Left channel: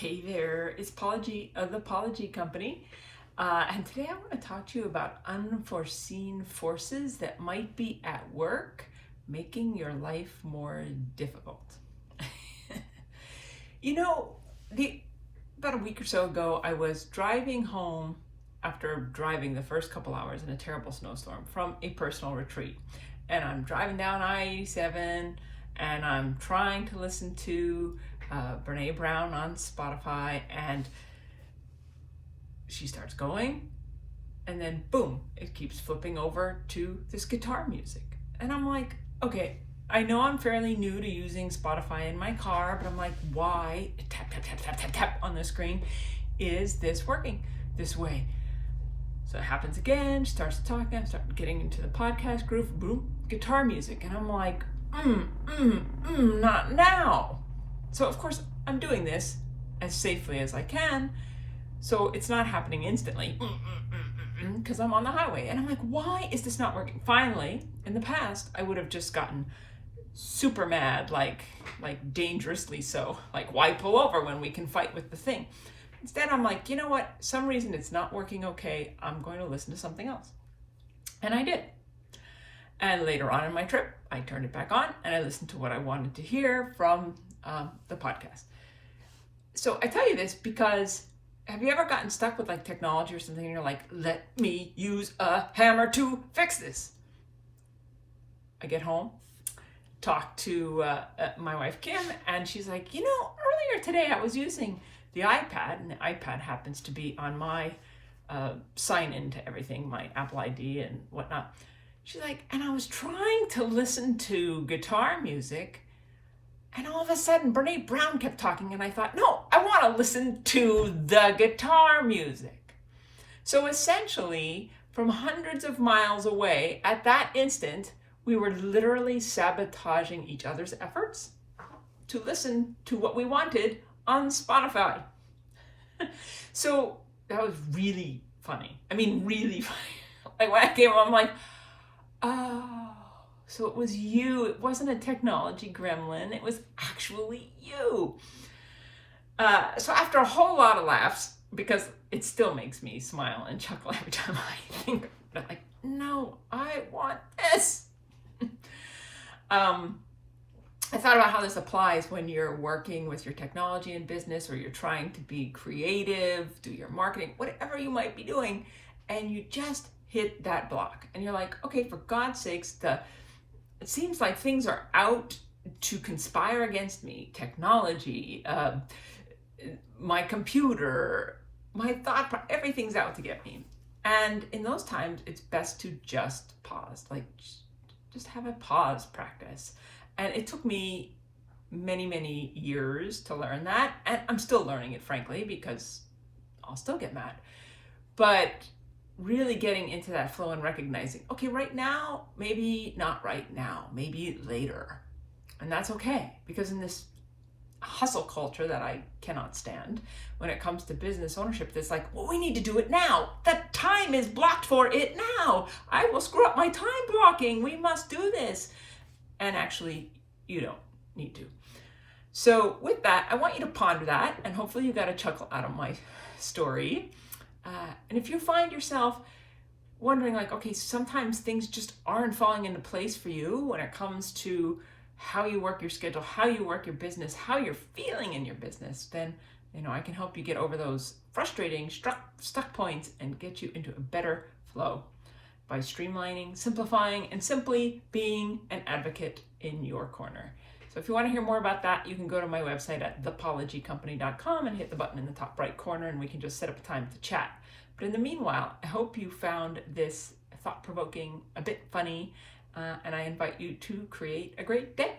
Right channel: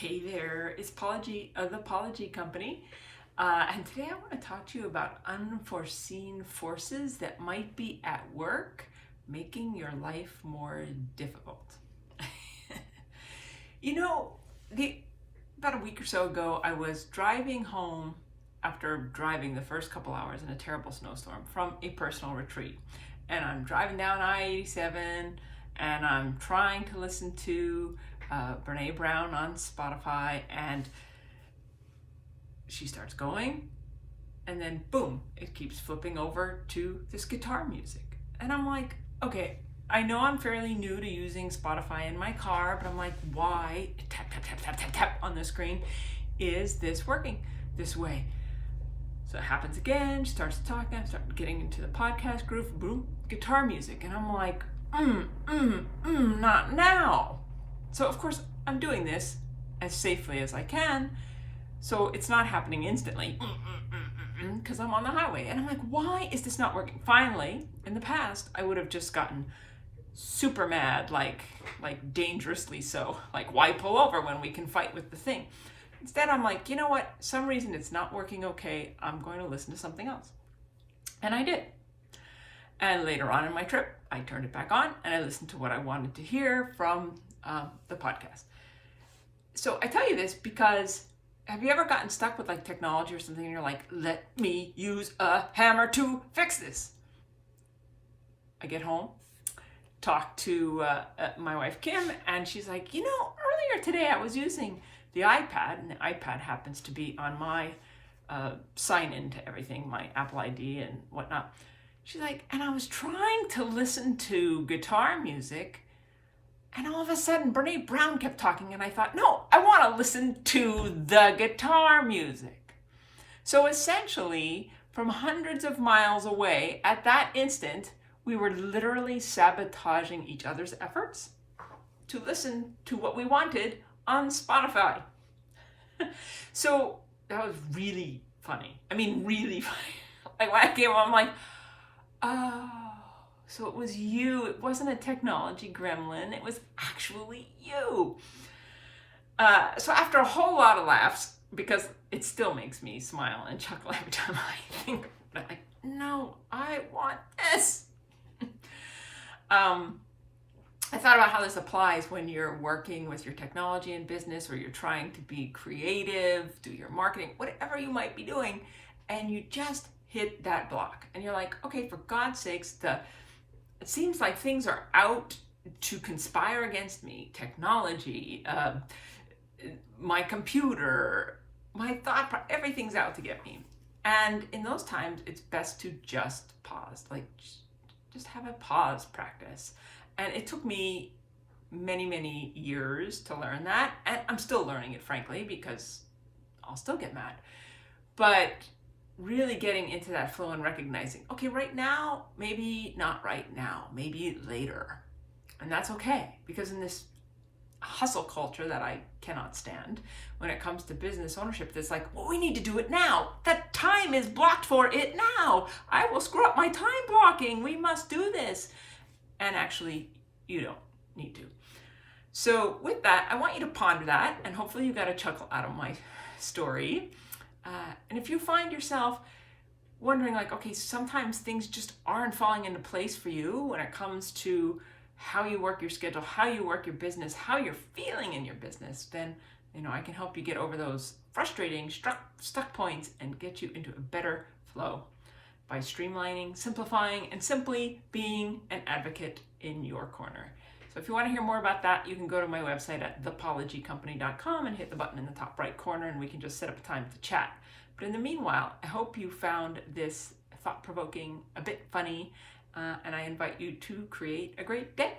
Hey there, it's Paula G of the Paula G Company. And today I want to talk to you about unforeseen forces that might be at work making your life more difficult. You know, about a week or so ago, I was driving home after driving the first couple hours in a terrible snowstorm from a personal retreat. And I'm driving down I-87 and I'm trying to listen to Brene Brown on Spotify, and she starts going, and then boom, it keeps flipping over to this guitar music. And I'm like, okay, I know I'm fairly new to using Spotify in my car, but I'm like, why, tap, tap, tap, tap, tap, tap on the screen, is this working this way? So it happens again, she starts talking, I start getting into the podcast groove, boom, guitar music. And I'm like, not now. So of course I'm doing this as safely as I can, so it's not happening instantly because I'm on the highway. And I'm like, why is this not working? Finally, in the past, I would have just gotten super mad, like dangerously so, like why pull over when we can fight with the thing? Instead, I'm like, you know what? Some reason it's not working okay. I'm going to listen to something else. And I did. And later on in my trip, I turned it back on and I listened to what I wanted to hear from the podcast. So I tell you this because have you ever gotten stuck with like technology or something and you're like, let me use a hammer to fix this? I get home, talk to my wife Kim, and she's like, you know, earlier today I was using the iPad, and the iPad happens to be on my sign in to everything, my Apple ID and whatnot. She's like, and I was trying to listen to guitar music, and all of a sudden Brene Brown kept talking, and I thought, no, I want to listen to the guitar music. So essentially, from hundreds of miles away, at that instant, we were literally sabotaging each other's efforts to listen to what we wanted on Spotify. So that was really funny. I mean, really funny. Like when I came home, I'm like, oh, so it was you. It wasn't a technology gremlin. It was actually you. So after a whole lot of laughs, because it still makes me smile and chuckle every time I think, like, no, I want this. I thought about how this applies when you're working with your technology in business, or you're trying to be creative, do your marketing, whatever you might be doing, and you just hit that block. And you're like, okay, for God's sakes, it seems like things are out to conspire against me. Technology, my computer, my thought, everything's out to get me. And in those times, it's best to just pause, like just have a pause practice. And it took me many, many years to learn that. And I'm still learning it, frankly, because I'll still get mad. But really getting into that flow and recognizing, okay, right now, maybe not right now, maybe later. And that's okay, because in this hustle culture that I cannot stand, when it comes to business ownership, it's like, well, we need to do it now. The time is blocked for it now. I will screw up my time blocking. We must do this. And actually, you don't need to. So with that, I want you to ponder that, and hopefully you got a chuckle out of my story. And if you find yourself wondering, like, okay, sometimes things just aren't falling into place for you when it comes to how you work your schedule, how you work your business, how you're feeling in your business, then, you know, I can help you get over those frustrating stuck points and get you into a better flow by streamlining, simplifying, and simply being an advocate in your corner. So if you want to hear more about that, you can go to my website at thepaulagcompany.com and hit the button in the top right corner, and we can just set up a time to chat. But in the meanwhile, I hope you found this thought-provoking, a bit funny, and I invite you to create a great day.